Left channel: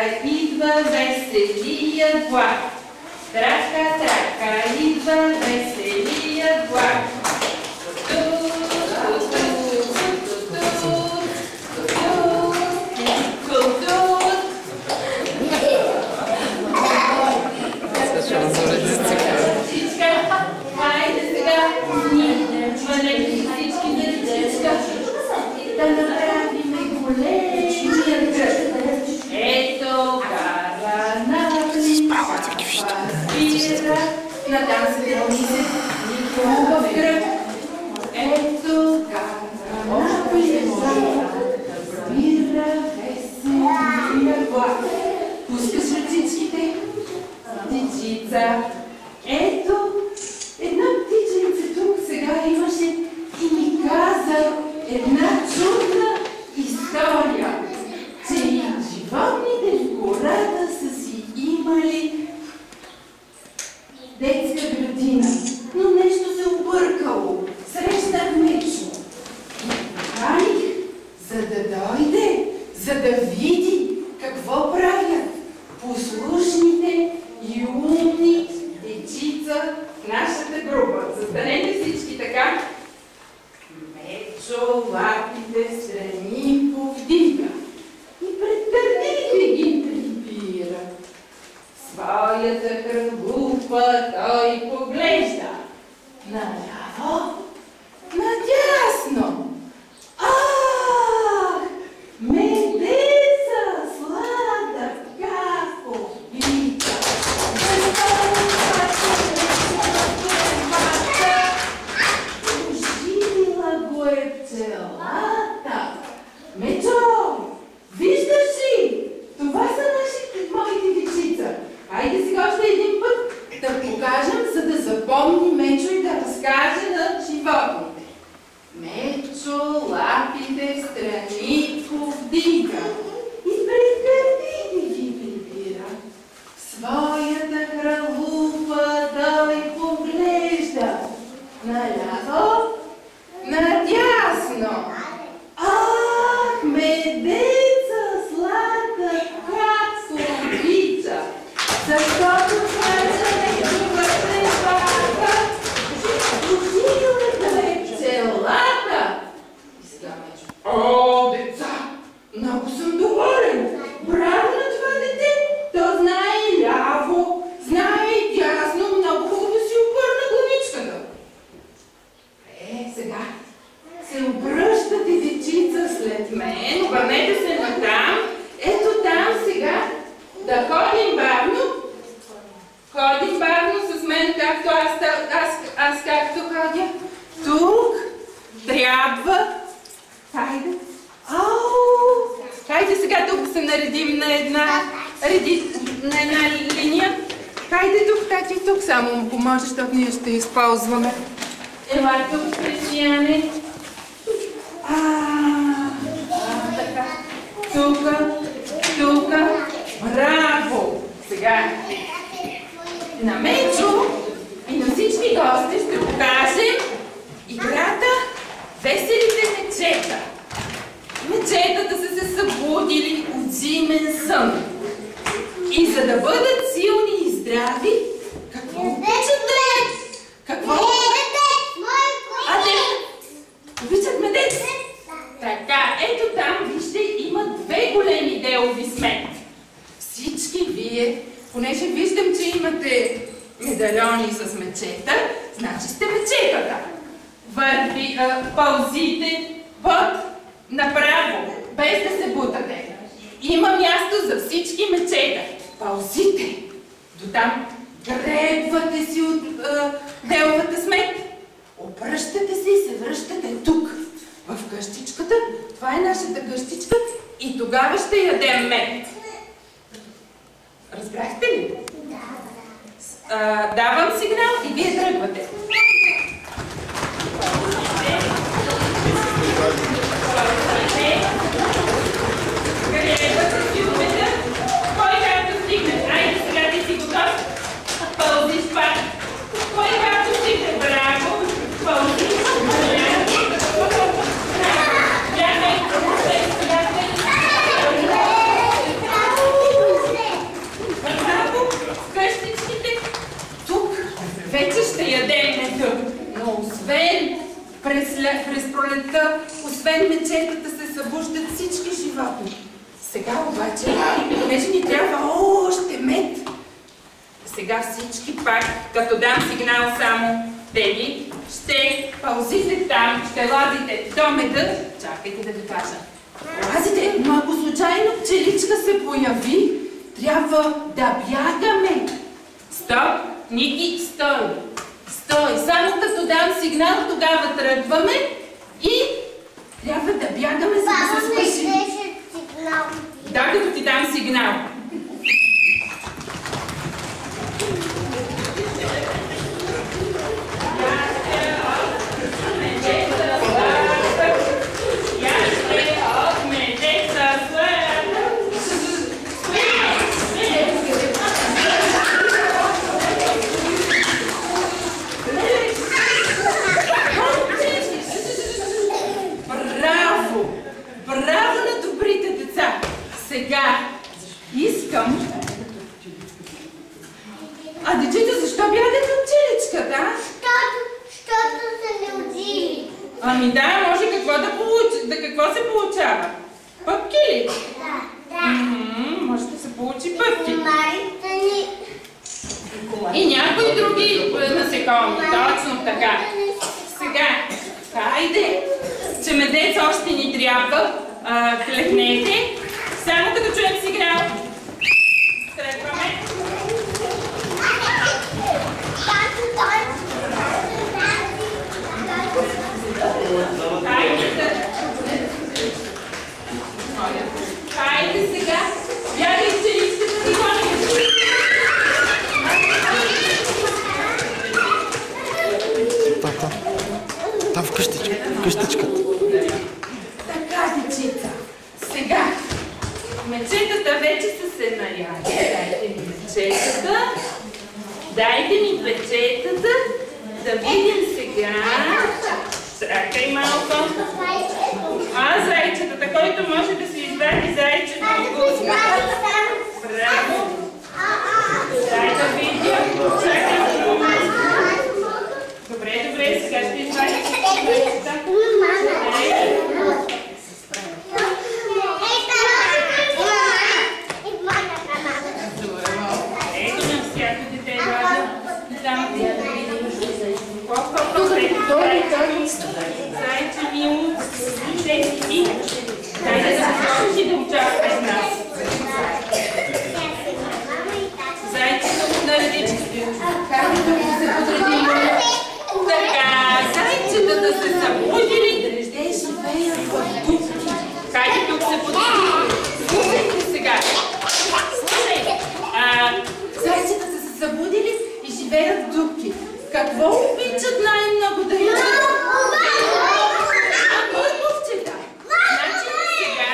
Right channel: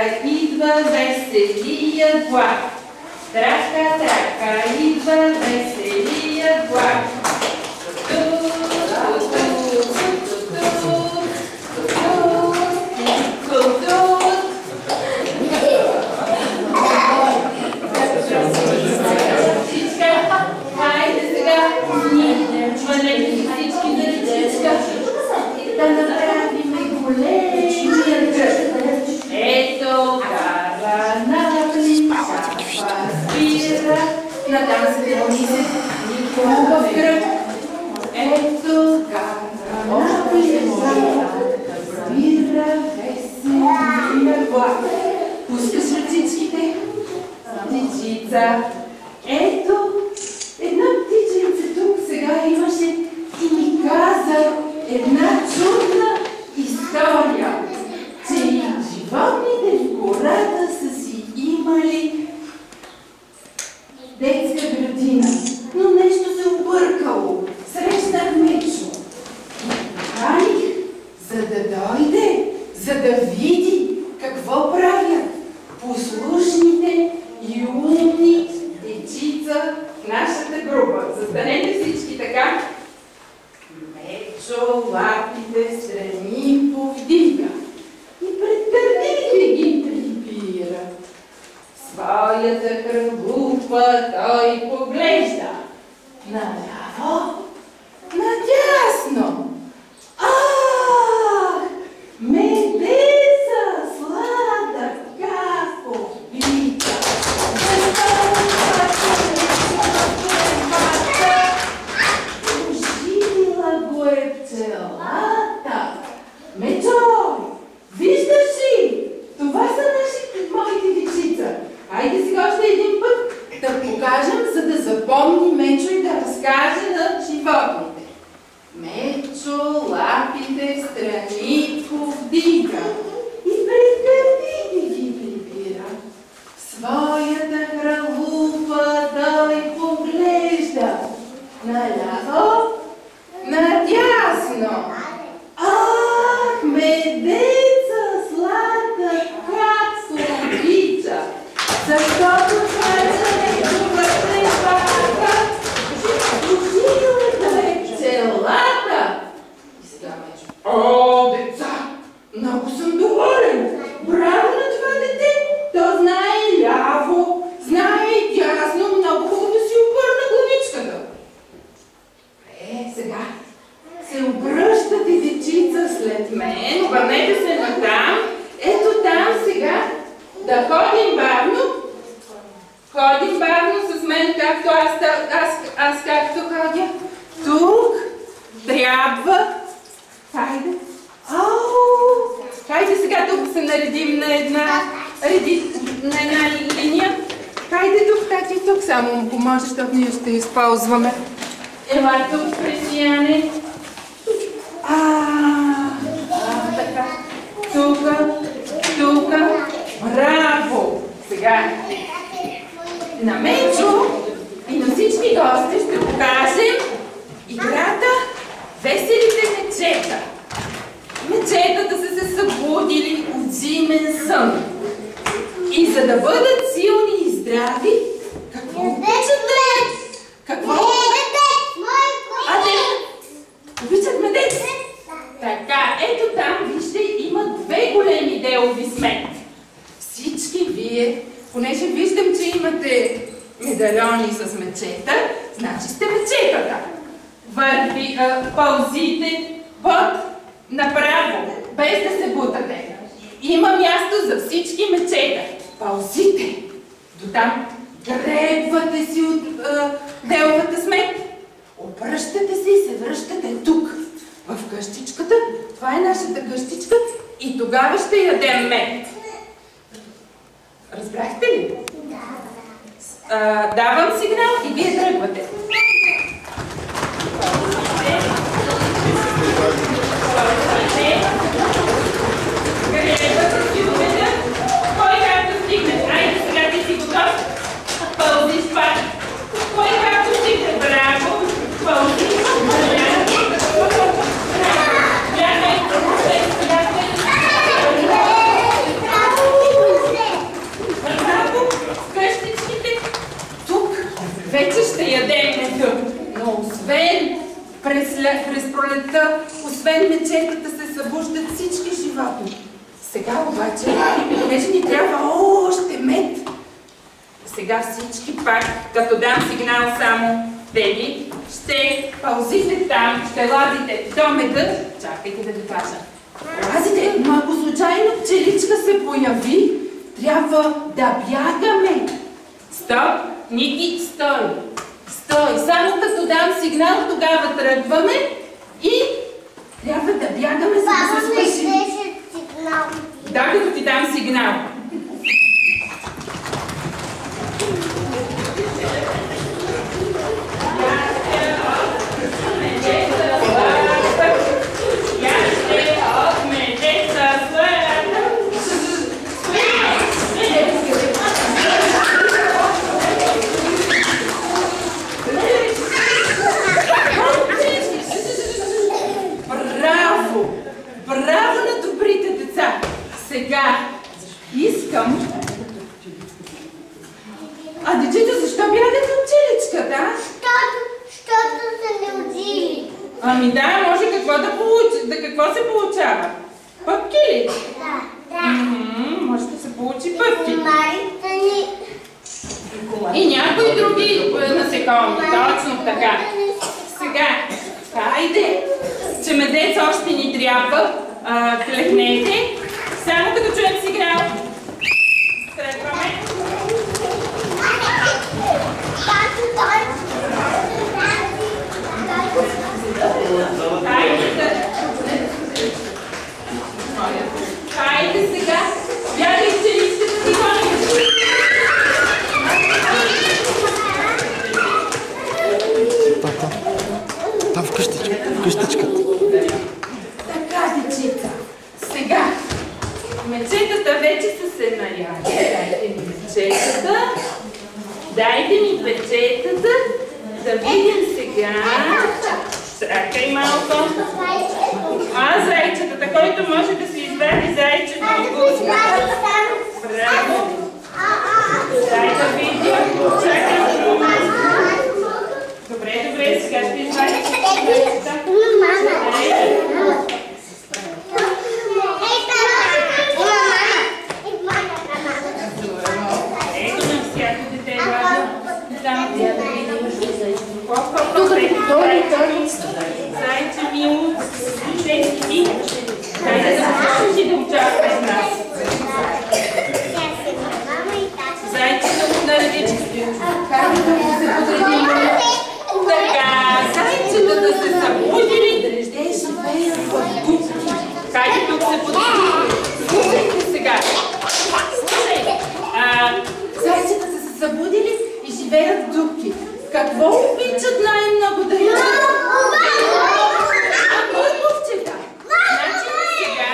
трака, идва веселият влак. Трака, трака, идва веселият влак. Хайде сега, ние хванете всички на ръчичка да направим големия кръг. Ето кара наблиза, паспира, натам се дълнизе никога в кръг. Ето кара наблиза, паспира, веселия влак. Пускаш ръцичките, птичица. Ето, една птичица тук сега имаше и ми каза една чудна история, че и животните в гората са си имали детска градина, но нещо се объркало. Срещнах Мечо и поканих, за да дойде, за да види какво правят послушните и умни дечица в нашата група. Застанете всички така. Мечо лапите страни повдига и пред гърдите ги прибира. Своята кръгупа той поглежда наляво, надясно. Ах, медеца сладка повдига. Оживила го е пчелата. Мечо, виждаш ли? Това са моите дечица. Хайде сега още един път да покажем, за да запомни Мечо и да разкаже на животните. Мечо лапите встрани повдига и пред гърдите ги прибира. Своята кралупа той поглежда наляво, надясно. Ах, медеца сладка как обича, защото кажа неговата пака, оживилата е пчелата. И сега Мечо: о, деца, много съм доволен. Браво на това дете. То знае ляво, знае и дясно, много хубаво си обърна главичката. Сега се обръщате, дечица, след мен. Обърнете се натам. Ето там сега. Да ходим бавно. Ходим бавно с мен, както аз както ходя. Тук трябва. Хайде. Хайде сега тук се наредим на една линия. Хайде тук, тати, тук само му поможе, защото ние ще използваме. Ела тук, Християне. Така. Тука. Браво! Сега на Мечо и на всички гости ще покажем играта Веселите мечета. Мечетата са се събудили от зимен сън. И за да бъдат силни и здрави, какво обичат да Какво? Обичат медец? Така, ето там, вижте, има две големи делови сметки. Всички вие, понеже виждам, че имате медальони с мечета, значи сте мечетата. Пълзите направо, без да се бутате. Има място за всички мечета. Пълзите. Дотам гребвате си от деловата сметка. Обръщате се и се връщате тук, в къщичката. Това е нашата къщичка и тогава ще ядем мед. Разбрахте ли? Да. Давам сигнал и вие тръгвате. Гребвате си умета. Кой както стигне? Айде сега ти си готов. Пълзиш пак. Кой както стигне? Браво! Пълзиш. вече ще ядем меда, но освен през пролетта, освен мечетата се събуждат всички животни. Сега обаче, понеже ни трябва още мед, сега всички пак, като дам сигнал само теби, ще паузите там, ще лазите до меда. Чакайте да ви кажа. Лазите, но ако случайно пчеличка се появи, трябва да бягаме. Стоп, Ники, стой. Стой, само като дам сигнал, тогава тръгваме и трябва да бягаме, за да се спасим. Да, като ти дам сигнал. Браво на добрите деца! Сега искам... А дечета, защо бягате от пчеличката? Защото са не удили. Ами да, може какво да получи, какво се получава? Пъпки ли? Да. Може да се получи пъпки. И И някои други насекоми, точно така. Сега, хайде, че медец още ни трябва, клехнете, само като чуем сигнал. Тръгваме. Хайде сега, бягай пчеличката си гоним. Там в къщичката. Така, дечица. Сега, мечетата вече са се наяли. Дайте ми мечетата. Дайте ми печетата. Да видим сега. Чакай малко. Зайчетата, който може да си извади зайчето от гузна. Браво. Дай да видим. Чакай. Добре, сега ще извадим зайчета. Ето на всяко дете влага. Там да видим. Зайче мило, слушай си. Дайте да започнеш и да участваш с нас. Зайчето на редичките. Как да се подредим? Така, зайчетата се събудили. Те живеят в дупки. Хайде тук се подредим. Слушайте сега. Слушай. Зайчетата се събудили и живеят в дупки. Какво обичат най-много да ядат? Морковчета. Значи сега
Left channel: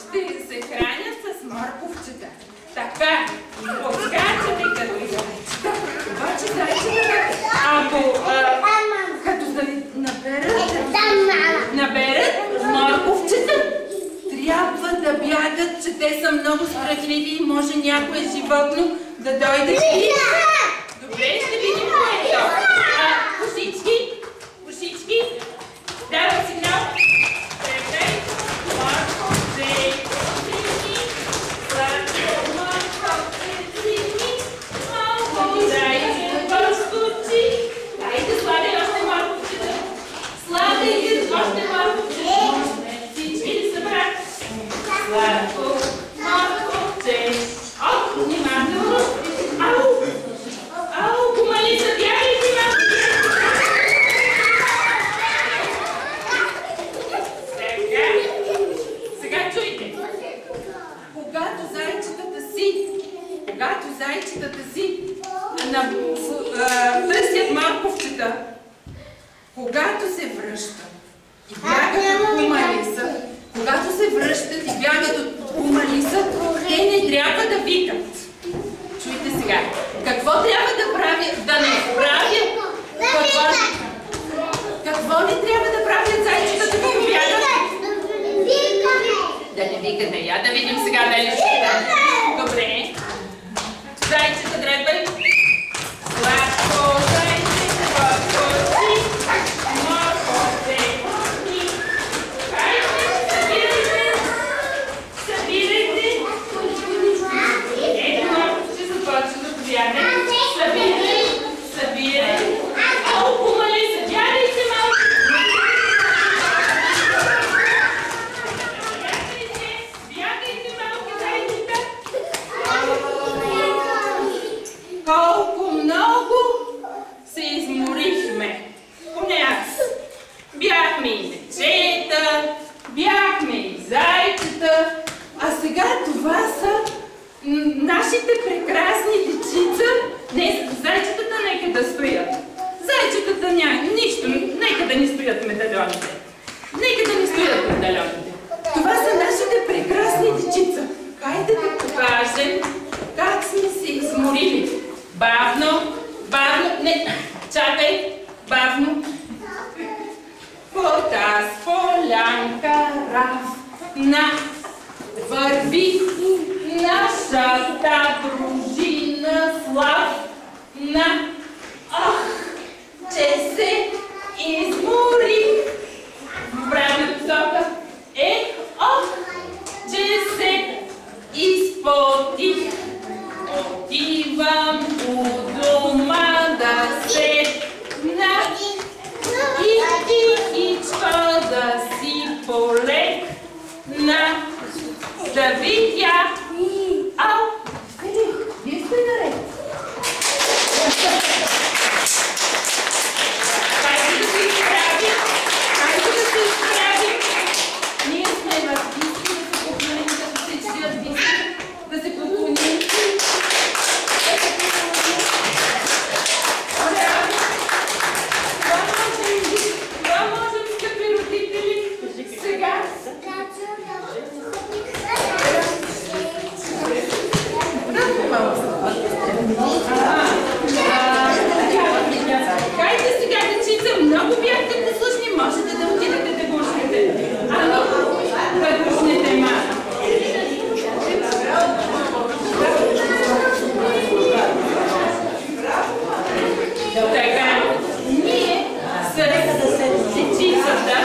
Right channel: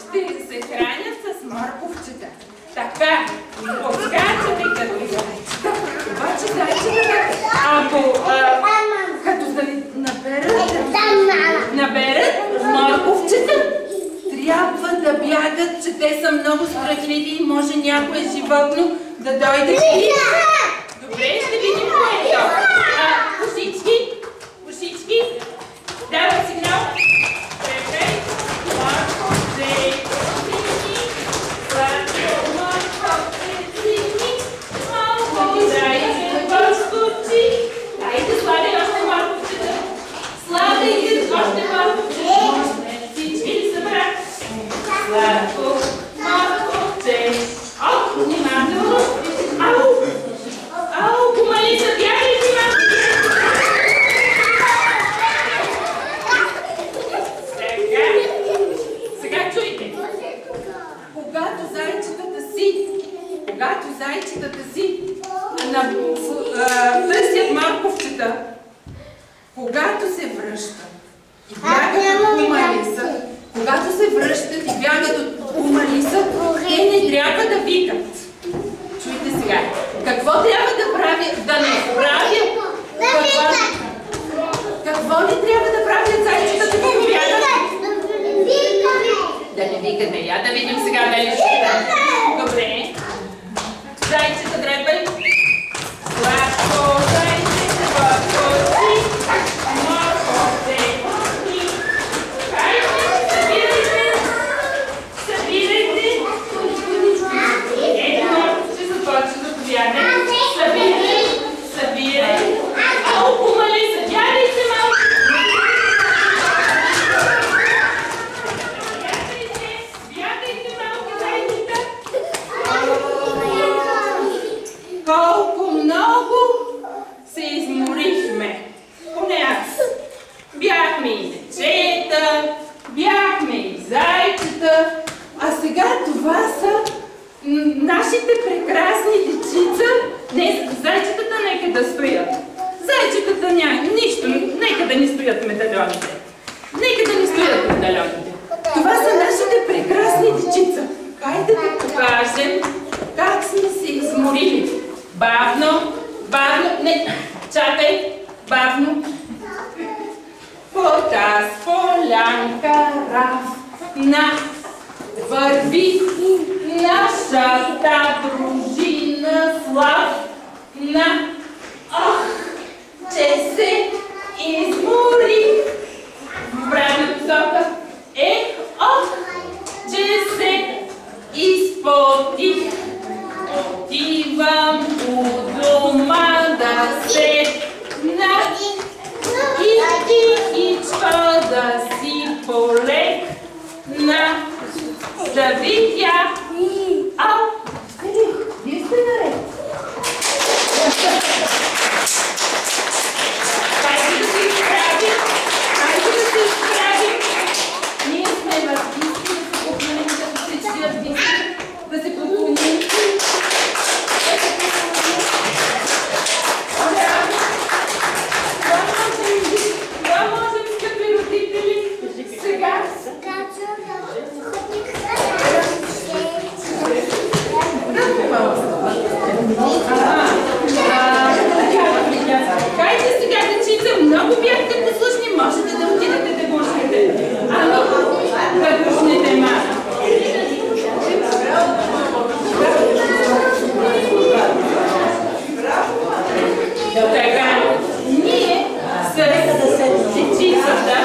ще се хранят с морковчета. Така, подскачате като зайчета. Обаче зайчетата, като наберат морковчета, трябва да бягат, че те са много страхливи и може някое животно да дойде и... Добре, ще видим кое е то. Кошички, давам сигнал. Трепей, морковче, сини, сладко, морковче, сини, малко зайче, поскочи. Дайте, сладай още морковчета. Сладайте още морковчета. Всички ли са брат? Сладко, морковче. Внимателно. Кумалица, бягай си, сега чуйте. Когато зайчетата си търсят морковчета, когато се връщат и бягат от кумалица, когато се връщат и бягат от кумалица, те не трябва да викат. Чуйте сега. Какво трябва да правят? Да не правят? Какво не трябва да правят зайчетата, като бягат? Да не викате. Я да видим сега дали ще стане. Добре. Зайчета, дрепай. Сладко, зайче. чакай, бавно. По таз полянка равна върви нашата дружина славна. Ах, че се измори в правилна посока. Ох, че се изпотих. Отивам у дома да седна и тихичко да си полегна, да видя. Ау, вие сте наред. Хайде да се изправим, хайде да се изправим. Ние сме артисти, да се поклоним, като всички артисти, да се поклоним. Това можем, скъпи родители, сега. Хайде сега, дечица, много бяхте послушни, можете да отидете да гушнете. Ами, да гушнете малко. Така, ние с дечицата